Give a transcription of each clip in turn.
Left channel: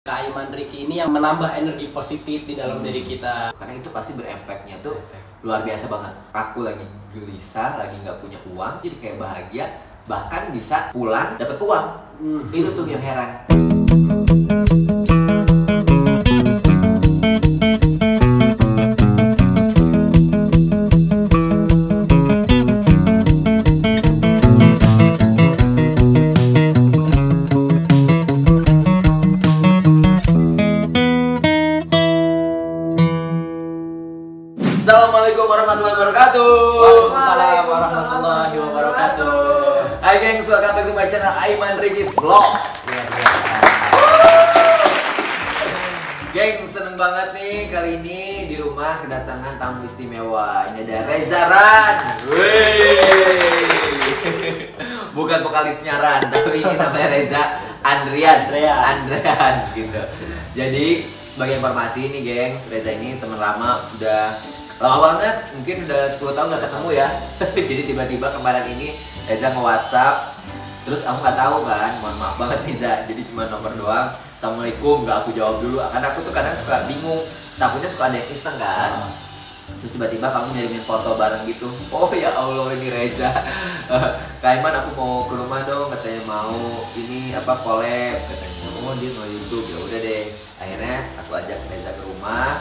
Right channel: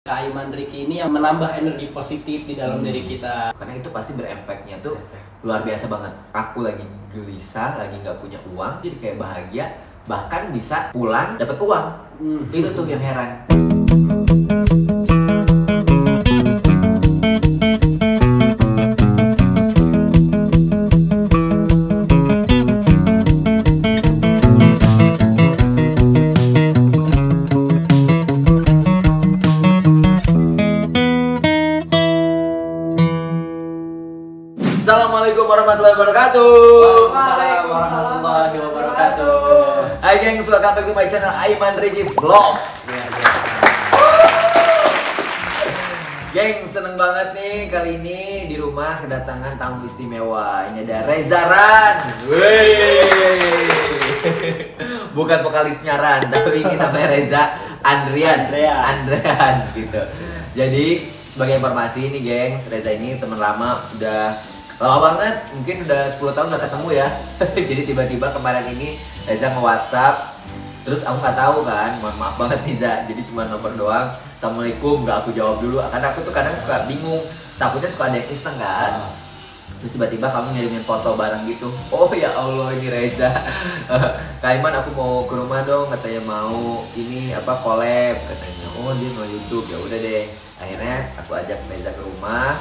Kak Aiman Ricky ini yang menambah energi positif di dalam diri kita. Karena itu pasti berefeknya tuh luar biasa banget. Aku lagi gelisah, lagi nggak punya uang, jadi kayak bahagia, bahkan bisa pulang dapat uang. Itu tuh yang heran. Assalamualaikum warahmatullahi wabarakatuh. Waalaikumsalam warahmatullahi wabarakatuh. Hai gengs, welcome back to my channel Aiman Ricky Vlog. Geng, seneng banget nih kali ini di rumah kedatangan tamu istimewa. Ini ada Reza Ran. Bukan vokalisnya Ran, tapi ini namanya Reza Andrian gitu. Jadi sebagai informasi nih gengs, Reza ini teman lama, udah lama banget, mungkin udah 10 tahun gak ketemu ya. Jadi tiba-tiba kemarin ini Reza nge-WhatsApp, terus aku nggak tahu kan, mohon maaf banget Reza, jadi cuma nomor doang. Assalamualaikum, nggak aku jawab dulu, karena aku tuh kadang suka bingung, takutnya suka ada yang iseng kan. Terus tiba-tiba kamu ngirimin foto bareng gitu. Oh ya Allah, ini Reza. Kak Aiman, aku mau ke rumah dong, katanya mau ini apa collab katanya. Oh dia mau YouTube, ya udah deh. Akhirnya aku ajak Reza ke rumah.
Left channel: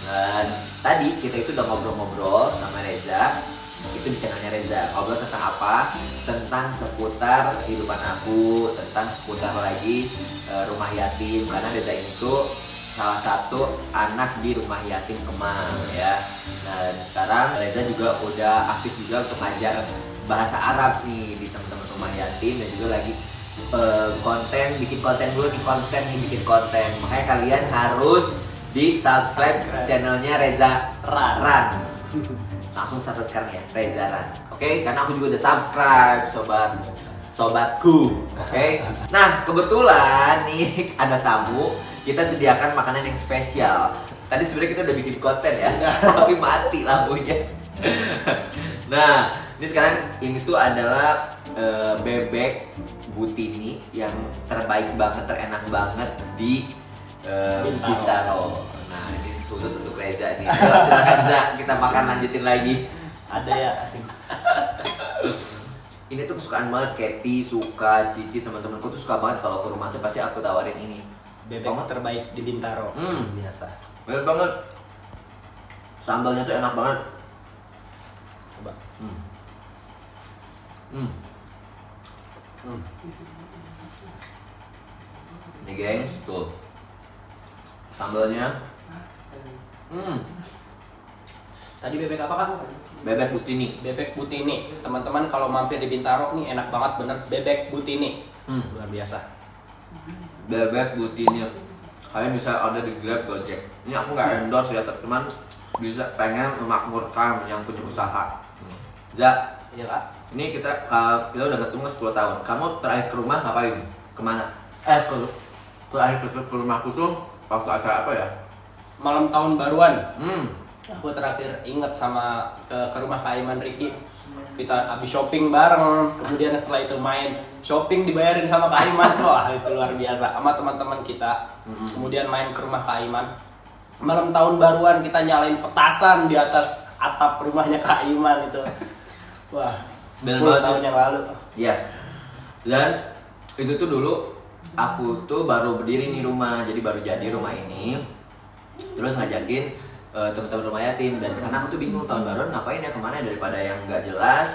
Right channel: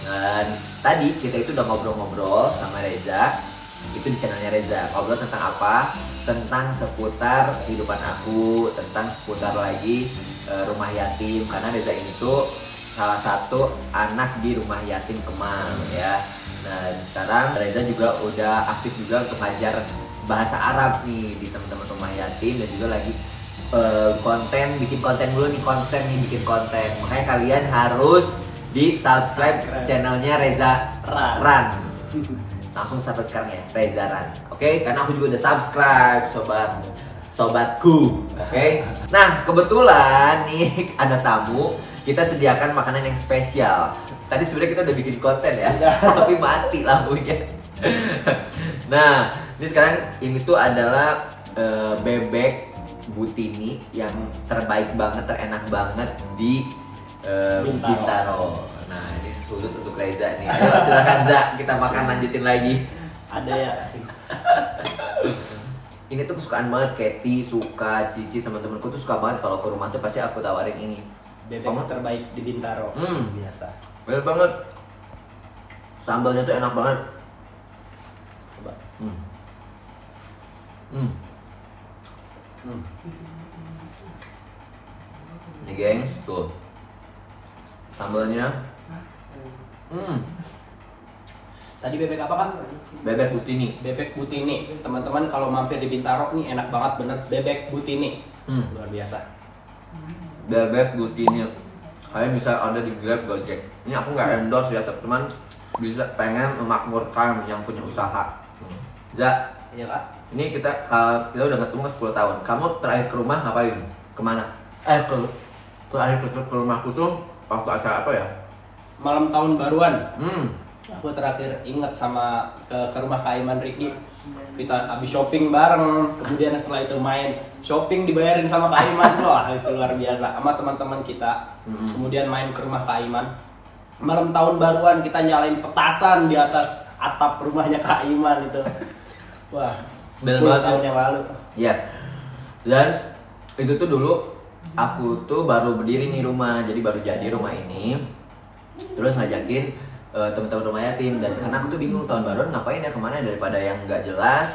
Dan tadi kita itu udah ngobrol-ngobrol sama Reza. Itu di channelnya Reza. Ngobrol tentang apa? Tentang seputar kehidupan aku, tentang seputar lagi rumah yatim. Karena Reza ini tuh salah satu anak di rumah yatim Kemang ya. Dan sekarang Reza juga udah aktif juga untuk ngajar bahasa Arab nih di teman-teman rumah yatim, dan juga lagi bikin konten dulu nih, bikin konten. Makanya kalian harus di subscribe channelnya Reza Ran. Langsung subscribe sekarang ya, Reza Ran. Oke, karena aku juga udah subscribe sobatku. Oke. Nah, kebetulan nih ada tamu, kita sediakan makanan yang spesial. Tadi sebenarnya kita udah bikin konten ya, tapi mati lampunya. Nah, ini sekarang ini tuh adalah bebek Butini yang terbaik banget, terenak banget di Bintaro. Nah, ini khusus untuk Reza nih. Ayo silakan Za, kita makan, lanjutin lagi. Ada ya. Ini tuh kesukaan banget, Katy suka, Cici, teman-temanku tuh suka banget kalau ke rumah tuh pasti aku tawarin ini. Bebek terbaik di Bintaro. Biasa. Bener banget. Sambalnya tuh enak banget. Coba. Ini gengs, tuh sambalnya. Tadi bebek apa kan? Bebek Butini. Bebek Butini. Teman-teman kalau mampir di Bintaro nih enak banget bener. Bebek Butini. Luar biasa. Bebek Butini. Kalian bisa order di Grab, Gojek. Ini aku nggak endorse ya, cuman bisa pengen memakmurkan yang punya usaha. Za, Iya kak. ini kita udah ketemu 10 tahun. Kamu terakhir ke rumah ngapain? Kemana? Terakhir ke rumahku tuh waktu acara apa ya? Malam tahun baruan. Aku terakhir inget sama ke rumah Kak Aiman Ricky. Kita habis shopping bareng. Kemudian setelah itu main shopping dibayarin sama Kak Aiman. Wah, itu luar biasa. Sama teman-teman kita. Kemudian main ke rumah Kak Aiman. Malam tahun baruan kita nyalain petasan di atas atap rumahnya Kak Aiman itu. Wah, 10 tahun yang lalu. Iya. Dan itu tuh dulu aku tuh baru berdiri nih rumah, jadi baru jadi rumah ini. Terus ngajakin teman-teman rumah yatim, dan karena aku tuh bingung tahun baruan ngapain ya, kemana ya, daripada yang nggak jelas.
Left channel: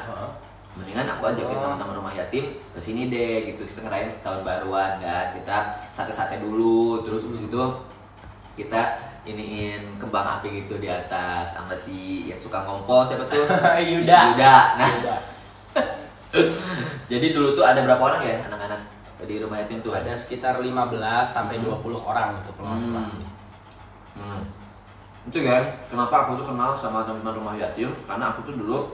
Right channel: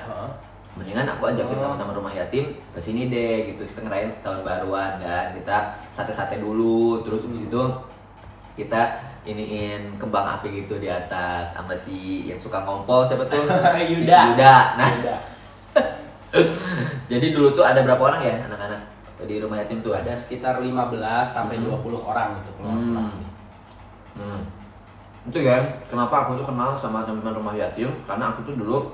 Mendingan aku ajakin teman-teman rumah yatim ke sini deh gitu, kita ngerayain tahun baruan kan. Kita sate-sate dulu, terus habis itu kita iniin kembang api gitu di atas sama si yang suka ngompol, siapa tuh? Yuda. Nah. Jadi dulu tuh ada berapa orang ya anak-anak di rumah yatim tuh? Ada sekitar 15 sampai 20 orang itu kalau nggak salah. Itu kan kenapa aku tuh kenal sama teman-teman rumah yatim, karena aku tuh dulu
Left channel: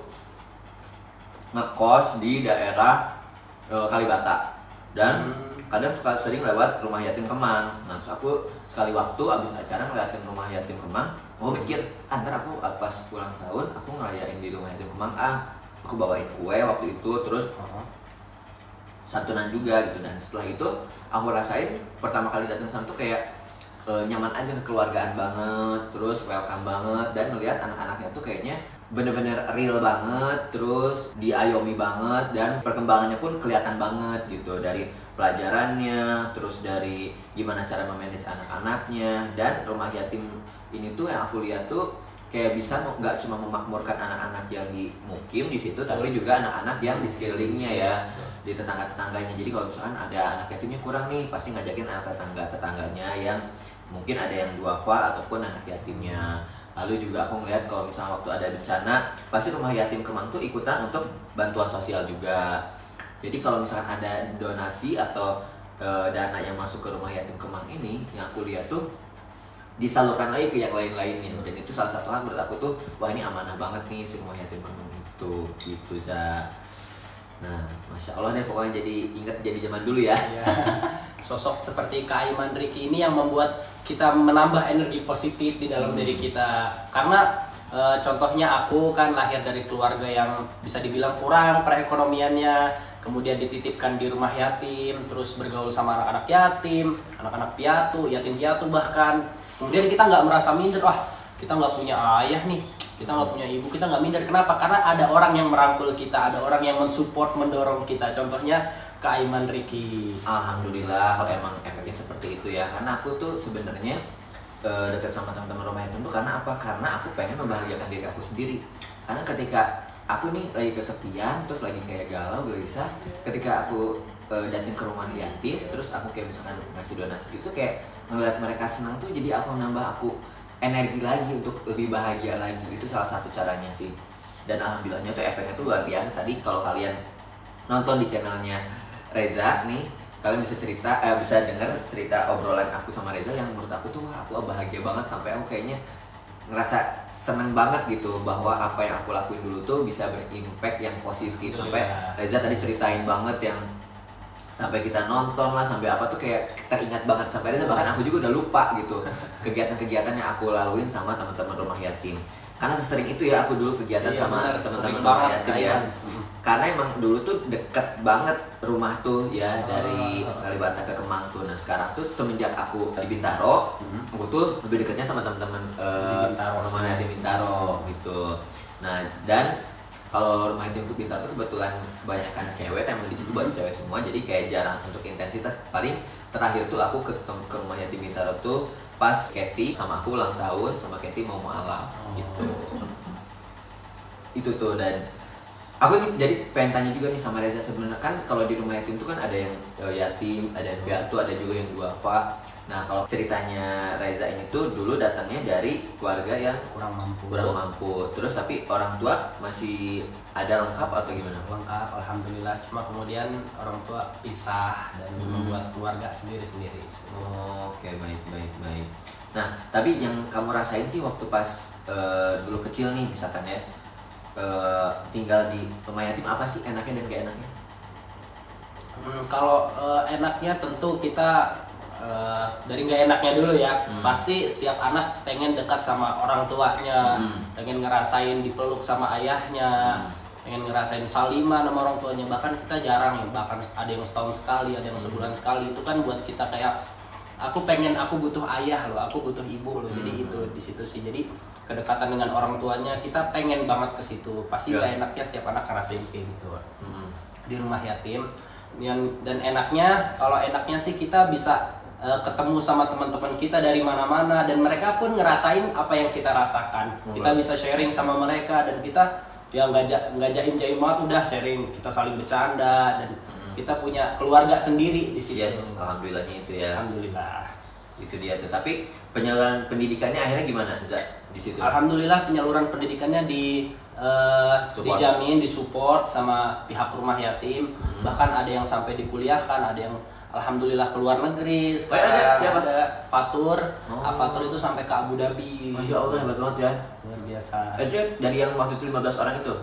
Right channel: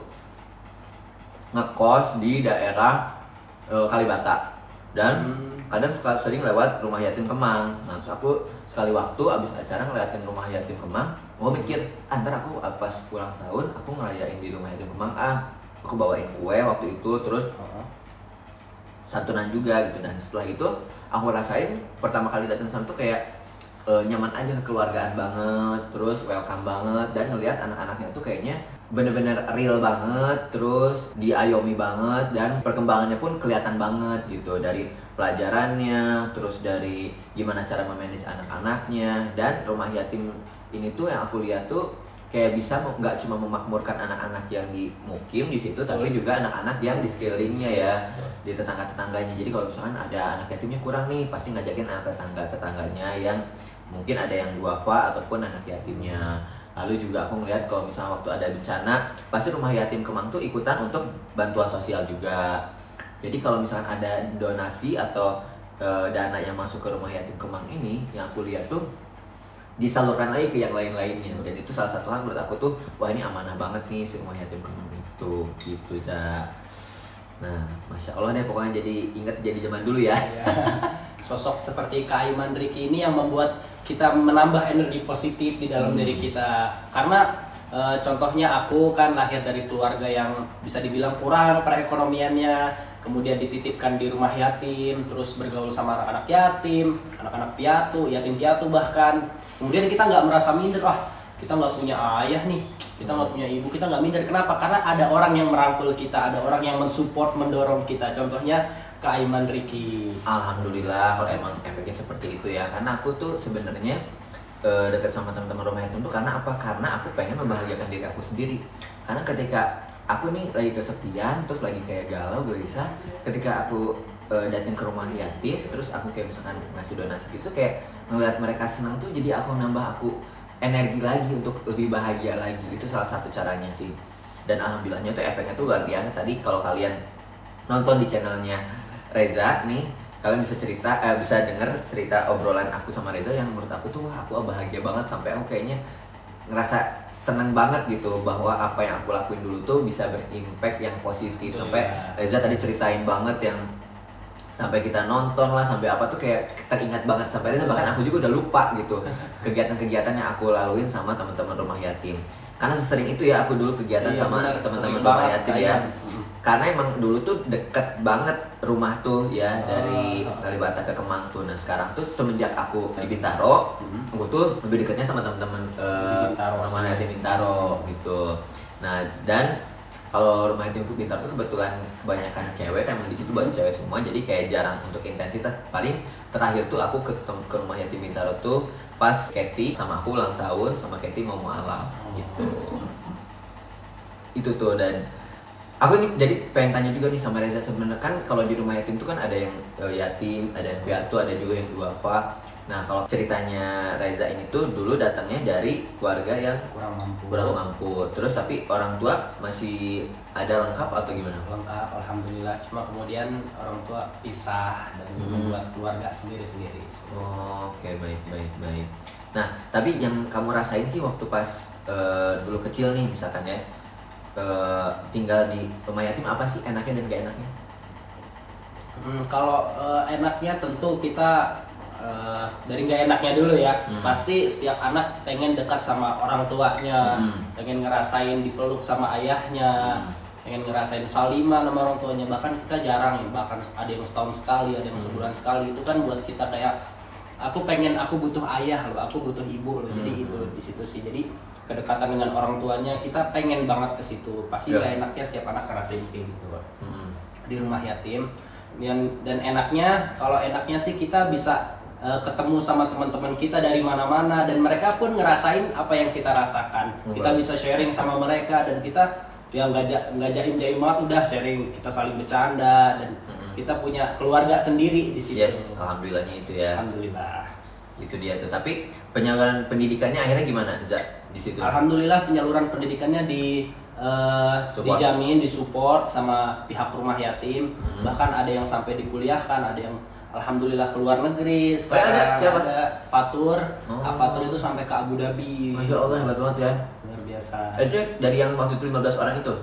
ngekos di daerah Kalibata, dan kadang suka sering lewat rumah yatim Kemang. Nah, terus aku sekali waktu abis acara ngeliatin rumah yatim Kemang, mau mikir antar aku pas pulang tahun aku ngerayain di rumah yatim Kemang, aku bawain kue waktu itu, terus santunan juga gitu. Dan setelah itu aku rasain pertama kali datang sana tuh kayak nyaman aja, kekeluargaan banget, terus welcome banget, dan ngelihat anak-anaknya tuh kayaknya bener-bener real banget, terus diayomi banget, dan perkembangannya pun kelihatan banget gitu, dari pelajarannya, terus dari gimana cara memanage anak-anaknya. Dan rumah yatim ini tuh yang aku lihat tuh kayak bisa nggak cuma memakmurkan anak-anak yang di mukim di situ, tapi juga anak-anak yang di sekelilingnya ya, di tetangga-tetangganya. Jadi kalau misalkan ada anak yatimnya kurang nih, pasti ngajakin anak tetangganya yang mungkin ada yang duafa ataupun anak yatimnya. Lalu juga aku ngeliat kalau misalnya waktu ada bencana, pasti rumah yatim Kemang tuh ikutan untuk bantuan sosial juga. Jadi kalau misalkan ada donasi atau dana yang masuk ke rumah yatim Kemang ini, yang aku lihat tuh disalurkan lagi ke yang lain-lainnya. Dan itu salah satu hal menurut aku tuh, wah ini amanah banget nih si rumah yatim Kemang itu, gitu Za. Nah, Masya Allah deh, pokoknya jadi inget jadi zaman dulu ya. Sosok seperti Kak Aiman Riki ini yang membuat kita menambah energi positif di dalam diri kita. Karena contohnya aku kan lahir dari keluarga yang bisa dibilang kurang perekonomiannya, kemudian dititipkan di rumah yatim, terus bergaul sama anak-anak yatim, anak-anak piatu, yatim piatu bahkan. Kemudian kita nggak merasa minder, wah kita nggak punya ayah nih, kita nggak punya ibu, kita nggak minder. Kenapa? Karena ada orang yang merangkul kita, ada orang yang mensupport, mendorong kita. Contohnya Kak Aiman Riki. Alhamdulillah kalau emang efeknya seperti itu ya. Karena aku tuh sebenarnya dekat sama teman-teman rumah yatim tuh karena apa? Karena aku pengen membahagiakan diri aku sendiri. Karena ketika aku nih lagi kesepian, terus lagi kayak galau, gelisah, ketika aku datang ke rumah yatim, terus aku kayak misalkan ngasih donasi gitu, kayak ngeliat mereka senang tuh, jadi aku nambah aku energi lagi untuk lebih bahagia lagi. Itu salah satu caranya sih. Dan alhamdulillahnya tuh efeknya tuh luar biasa. Tadi kalau kalian nonton di channelnya Reza nih, kalian bisa bisa denger cerita obrolan aku sama Reza yang menurut aku tuh wah, aku bahagia banget, sampai aku kayaknya ngerasa seneng banget gitu bahwa apa yang aku lakuin dulu tuh bisa berimpact yang positif. Sampai Reza tadi ceritain banget yang sampai kita nonton lah, sampai apa tuh kayak teringat banget sampai Reza, bahkan aku juga udah lupa gitu kegiatan-kegiatan yang aku laluin sama teman-teman rumah yatim. Karena sesering itu ya aku dulu kegiatan sama teman-teman rumah yatim ya. Karena emang dulu tuh deket banget rumah tuh ya, dari Kalibata ke Kemang tuh. Nah sekarang tuh semenjak aku di Bintaro, aku tuh lebih dekatnya sama teman-teman rumah yatim Bintaro gitu. Nah dan kalau rumah yatim Bintaro tuh kebetulan kebanyakan cewek, emang di situ banyak cewek semua, jadi kayak jarang untuk intensitas. Paling terakhir tuh aku ke rumah yatim Bintaro tuh pas Katy sama aku ulang tahun, sama Katy mau mualaf gitu. Itu tuh. Dan aku nih jadi pengen tanya juga nih sama Reza, sebenarnya kan kalau di rumah yatim tuh kan ada yang yatim, ada yang piatu, ada juga yang duafa. Nah kalau ceritanya Reza ini tuh dulu datangnya dari keluarga yang kurang mampu. Terus tapi orang tua masih ada lengkap atau gimana? Lengkap, alhamdulillah. Cuma kemudian orang tua pisah dan membuat keluarga sendiri-sendiri. Oke, baik. Nah tapi yang kamu rasain sih waktu pas dulu kecil nih misalkan ya, tinggal di rumah yatim, apa sih enaknya dan gak enaknya? Kalau enaknya tentu kita dari nggak enaknya dulu ya. Pasti setiap anak pengen dekat sama orang tuanya, pengen ngerasain dipeluk sama ayahnya, pengen ngerasain saliman sama orang tuanya. Bahkan kita jarang ya, bahkan ada yang setahun sekali, ada yang sebulan sekali. Itu kan buat kita kayak aku butuh ayah loh, aku butuh ibu loh. Jadi itu di situ sih. Jadi kedekatan dengan orang tuanya kita pengen banget ke situ. Pasti nggak enaknya setiap anak ngerasain kayak gitu di rumah yatim. Dan enaknya, kalau enaknya sih kita bisa ketemu sama teman-teman kita dari mana-mana, dan mereka pun ngerasain apa yang kita rasakan. Kita bisa sharing sama mereka, dan kita ya nggak jaim-jaim banget, udah sharing, kita saling bercanda, dan kita punya keluarga sendiri di situ. Yes, alhamdulillahnya itu ya. Alhamdulillah. Itu dia tuh. Tapi penyaluran pendidikannya akhirnya gimana, Zak, di situ? Alhamdulillah penyaluran pendidikannya dijamin, disupport sama pihak rumah yatim. Bahkan ada yang sampai dikuliahkan, ada yang alhamdulillah keluar negeri. Sekarang ada Fatur. Fatur itu sampai ke Abu Dhabi. Masya Allah, hebat banget ya. Luar biasa. Itu dari yang waktu itu 15 orang itu?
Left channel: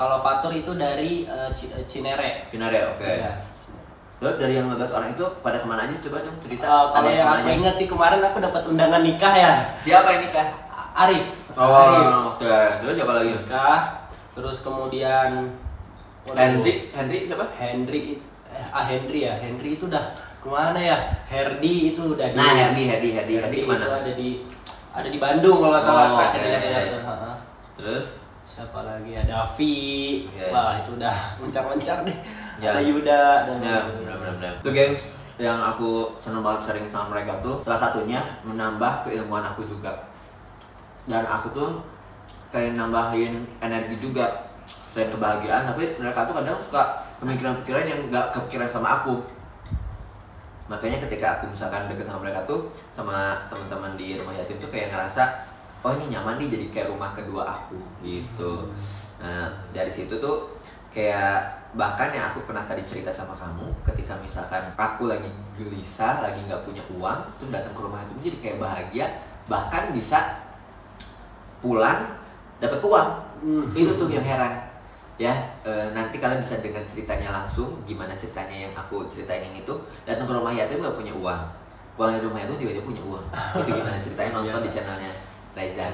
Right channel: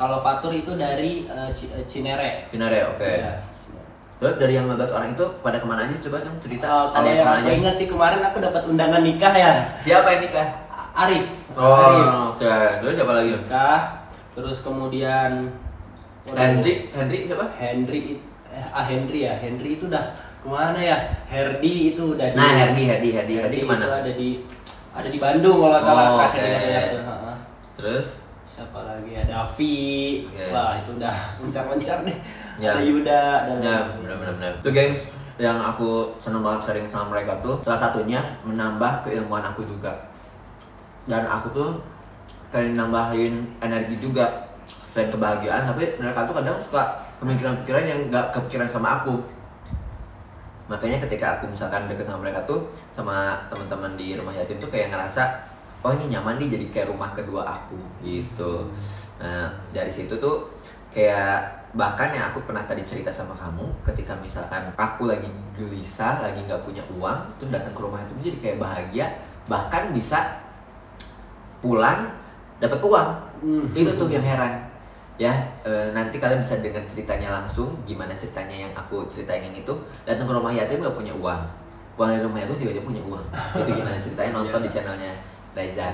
Kalau Fatur itu dari Cinere. Cinere, oke. Ya. Terus dari yang 15 orang itu pada kemana aja? Coba kamu cerita. Kalau yang aku ingat sih kemarin aku dapat undangan nikah ya. Siapa yang nikah? Arif. Arif. Oke. Terus siapa lagi? Nikah. Terus kemudian Hendrik siapa? Hendrik itu udah kemana ya? Herdi itu udah Nah, Herdi kemana? Itu ada di Bandung kalau nggak salah. Terus siapa lagi? Ada Avi. Wah, itu udah mencar-mencar deh. Ya. Ada Yuda dan benar. Tuh gengs, yang aku seneng banget sharing sama mereka tuh salah satunya menambah keilmuan aku juga. Dan aku tuh kayak nambahin energi juga selain kebahagiaan, tapi mereka tuh kadang suka pemikiran-pemikiran yang gak kepikiran sama aku. Makanya ketika aku misalkan deket sama mereka tuh, sama teman-teman di rumah yatim tuh kayak ngerasa, oh ini nyaman nih, jadi kayak rumah kedua aku gitu. Nah dari situ tuh kayak bahkan yang aku pernah tadi cerita sama kamu, ketika misalkan aku lagi gelisah, lagi nggak punya uang, terus datang ke rumah yatim jadi kayak bahagia, bahkan bisa pulang dapat uang. Itu tuh yang heran ya. Nanti kalian bisa dengar ceritanya langsung, gimana ceritanya yang aku ceritain ini tuh. Datang ke rumah yatim nggak punya uang, pulang dari rumah yatim juga dia punya uang. Itu gimana ceritanya, nonton di channelnya Reza.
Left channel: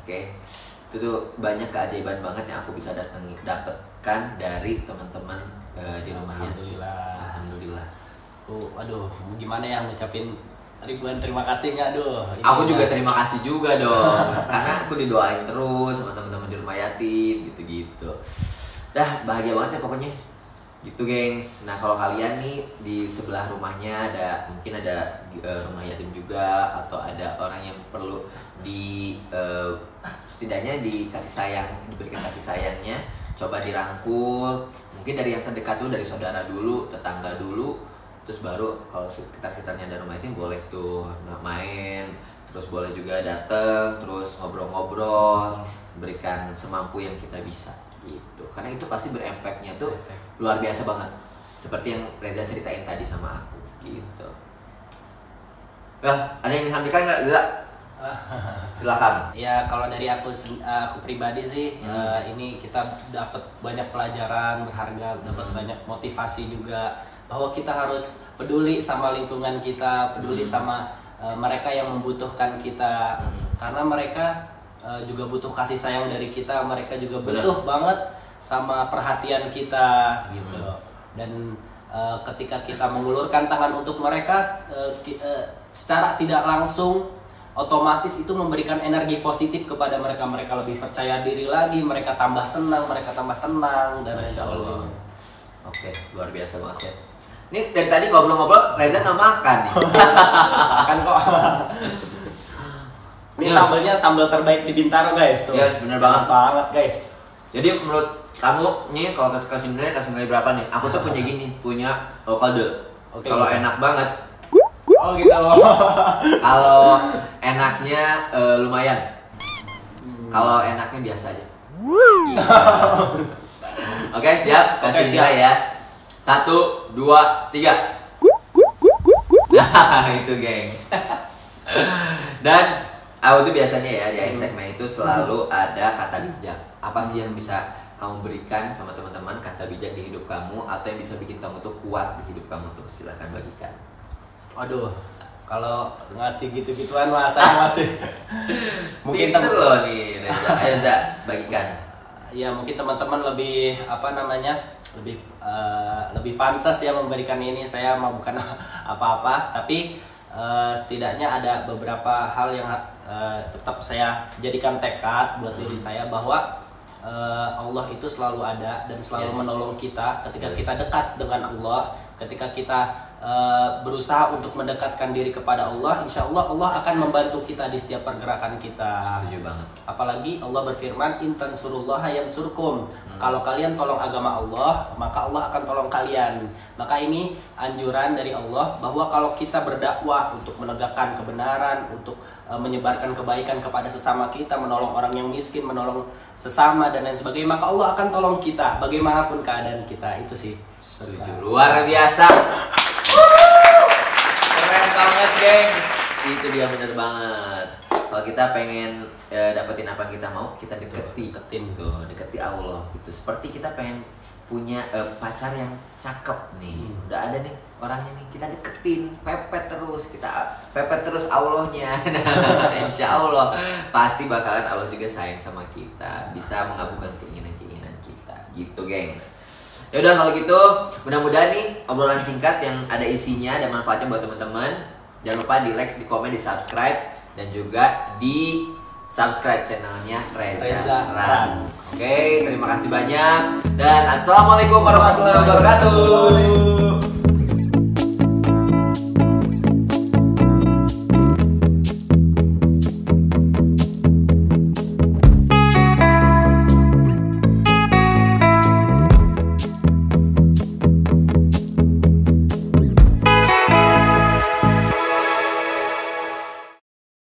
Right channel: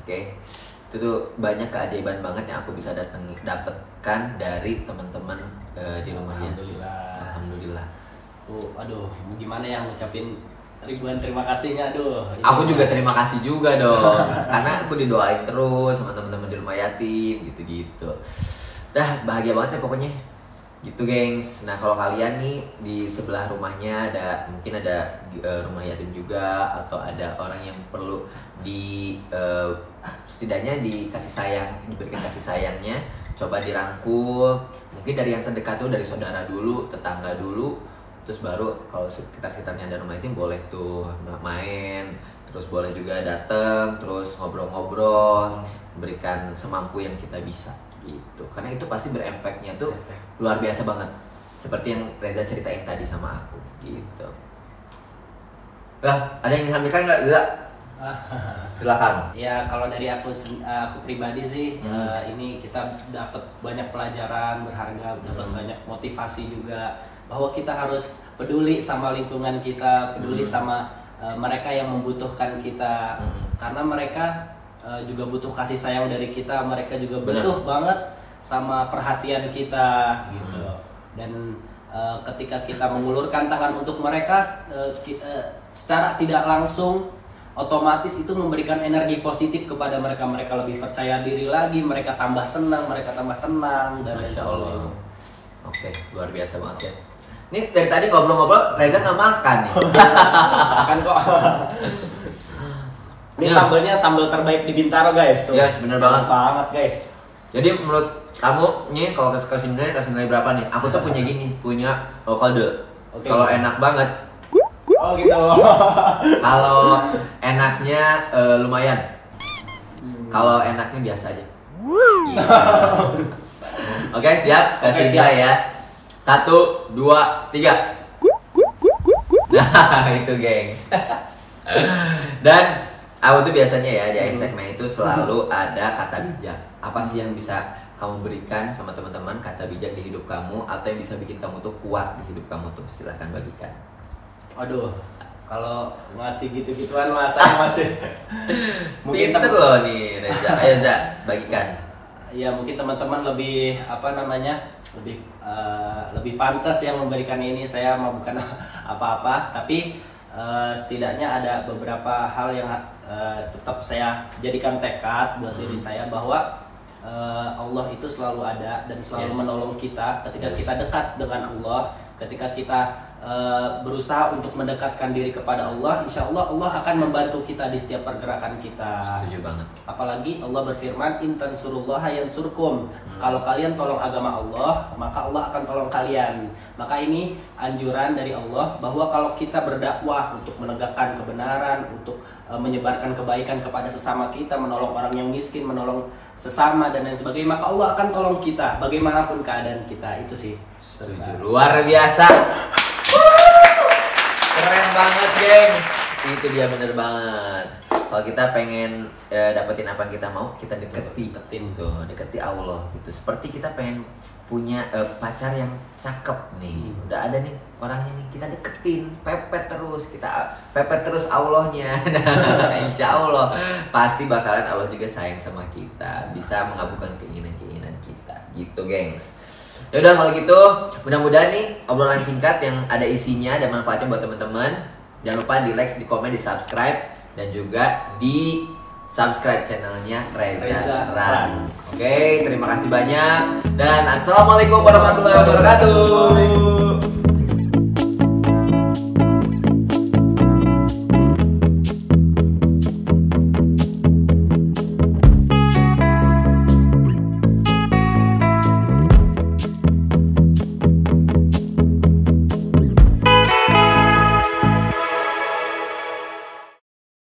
Oke. Itu tuh banyak keajaiban banget yang aku bisa dapatkan dari teman-teman di rumah yatim. Alhamdulillah. Aduh, gimana yang ngucapin ribuan terima kasihnya, aduh. Aku juga terima kasih juga dong, karena aku didoain terus sama teman-teman di rumah yatim gitu-gitu. Dah bahagia banget ya pokoknya. Gitu gengs. Nah kalau kalian nih di sebelah rumahnya mungkin ada rumah yatim juga, atau ada orang yang perlu setidaknya dikasih sayang, diberikan kasih sayangnya, coba dirangkul. Mungkin dari yang terdekat tuh, dari saudara dulu, tetangga dulu, terus baru kalau sekitar-sekitarnya ada rumah yatim boleh tuh main, terus boleh juga datang, terus ngobrol-ngobrol, berikan semampu yang kita bisa gitu. Karena itu pasti berefeknya tuh luar biasa banget, seperti yang Reza ceritain tadi sama aku gitu. Ada yang ingin sampaikan nggak? Silakan. Ya kalau dari aku pribadi sih, ini kita dapat banyak pelajaran berharga, dapat banyak motivasi juga, bahwa kita harus peduli sama lingkungan kita, peduli sama mereka yang membutuhkan kita, karena mereka juga butuh kasih sayang dari kita, mereka juga butuh banget sama perhatian kita gitu. Dan ketika kita mengulurkan tangan untuk mereka, secara tidak langsung otomatis itu memberikan energi positif kepada mereka. Mereka lebih percaya diri lagi, mereka tambah senang, mereka tambah tenang, dan Masya Allah. Oke, luar biasa banget ya. Ini dari tadi ngobrol-ngobrol, Reza nggak makan nih. Makan kok. Ini sambelnya sambal terbaik di Bintaro guys tuh. Yes, bener banget guys. Jadi menurut kamu nih kalau kasih nilai berapa nih? Aku tuh punya kode. Kalau enak banget. Oh gitu. Kalau enaknya lumayan. Kalau enaknya biasa aja. Gitu. Oke, siap. Kasih nilai ya. 1, 2, 3. Nah, itu gengs. Dan aku tuh biasanya ya di akhir segmen itu selalu ada kata bijak. Apa sih yang bisa kamu berikan sama teman-teman, kata bijak di hidup kamu, atau yang bisa bikin kamu tuh kuat di hidup kamu tuh? Silahkan bagikan. Aduh, kalau ngasih gitu-gituan saya masih mungkin pinter loh nih Reza. Ayo Za, bagikan. Ya mungkin teman-teman lebih lebih pantas ya memberikan ini. Saya mah bukan apa-apa, tapi setidaknya ada beberapa hal yang tetap saya jadikan tekad buat diri saya, bahwa Allah itu selalu ada dan selalu menolong kita ketika kita dekat dengan Allah, ketika kita berusaha untuk mendekatkan diri kepada Allah. Insya Allah Allah akan membantu kita di setiap pergerakan kita. Setuju banget. Apalagi Allah berfirman, in tansurullaha yansurkum. Kalau kalian tolong agama Allah, maka Allah akan tolong kalian. Maka ini anjuran dari Allah bahwa kalau kita berdakwah untuk menegakkan kebenaran, untuk menyebarkan kebaikan kepada sesama kita, menolong orang yang miskin, menolong sesama dan lain sebagainya, maka Allah akan tolong kita bagaimanapun keadaan kita. Itu sih. Setuju. Luar biasa. Keren banget gengs. Itu dia, bener banget. Kalau kita pengen dapetin apa yang kita mau, kita deketin tuh, deketi Allah gitu. Seperti kita pengen punya pacar yang cakep nih, udah ada nih orangnya nih, kita deketin, pepet terus Allahnya. Nah, insya Allah pasti bakalan Allah juga sayang sama kita, bisa mengabulkan keinginan kita gitu gengs. Ya udah kalau gitu, mudah-mudahan nih obrolan singkat yang ada isinya dan manfaatnya buat teman-teman. Jangan lupa di like, di komen, di subscribe dan juga di subscribe channelnya Reza Ran. Oke, terima kasih banyak dan assalamualaikum warahmatullahi wabarakatuh.